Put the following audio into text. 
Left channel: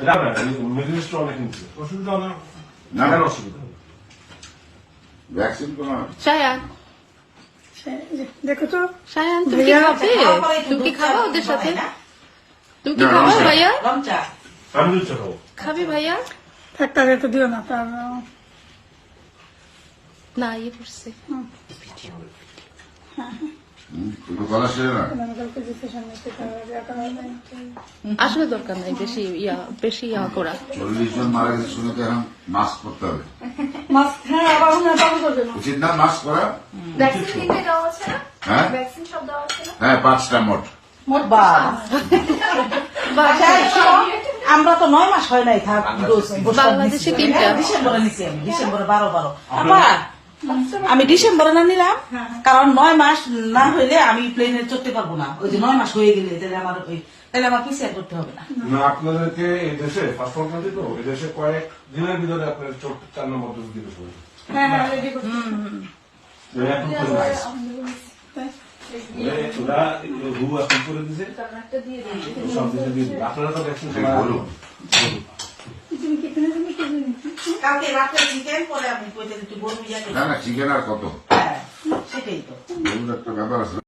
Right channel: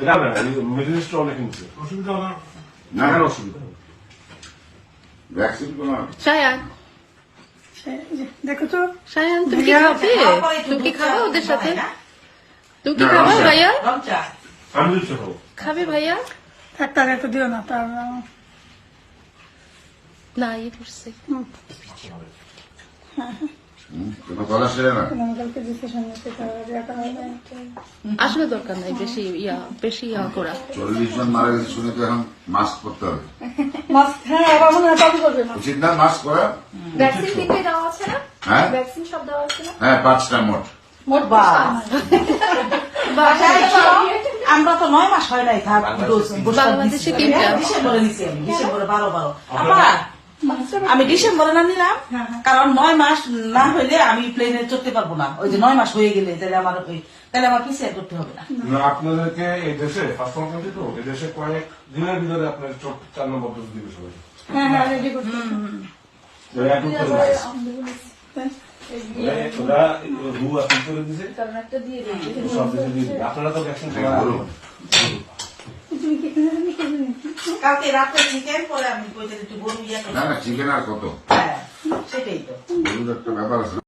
এটা না মিডল ইস্টে অনেক নিচ্ছে অসুবিধা না লাগানো অসুবিধা ভ্যাকসিন কেন সায়ান দেখো তো সায়ান তুমি কি খাবে? তুমি কি খাবা ওদের সাথে? তুমি কি খাবা ভাইয়া? আমি দিচ্ছি খাবো খাবে ভাইয়া? একটা রেখে দিও না তার না ইয়ে করছে গলা সেরে না আসলে দরকার নাই বেশি ইয়া করা। 40 জন মারা গেছে শুনে তো এখন মাস্ক করতে হবে। মাস্ক উচিত না মাস্ক করা? হ্যাঁ হ্যাঁ 5টা মোট। আমরা তো 9 মাস হয় নাই বাংলাদেশে 3টা ডিসেম্বরে নিছি ডিসেম্বরে 12 আমি ডিসেম্বরে না নিলাম কারণ 9 মাস না হইলে আমি প্লেনে চড়তে পারবো না। ওই যে 9 মাস হয়ে গেলে তাহলে আমার পিছিয়ে করতে হবে না। আপনাদেরকে এই দেশে ফার্স্ট কান্ট্রি তো এই দেশে কয়েক দিনের ভিতরে আপনার 4 নম্বর ডোজ দিতে হবে। আপনারা তো ভ্যাকসিন কালকে রাত্রে চিকেন করে আমি একটু গরু না না চিকেন আর কত সেটাই তো গরুর একটা ব্যাপার আছে।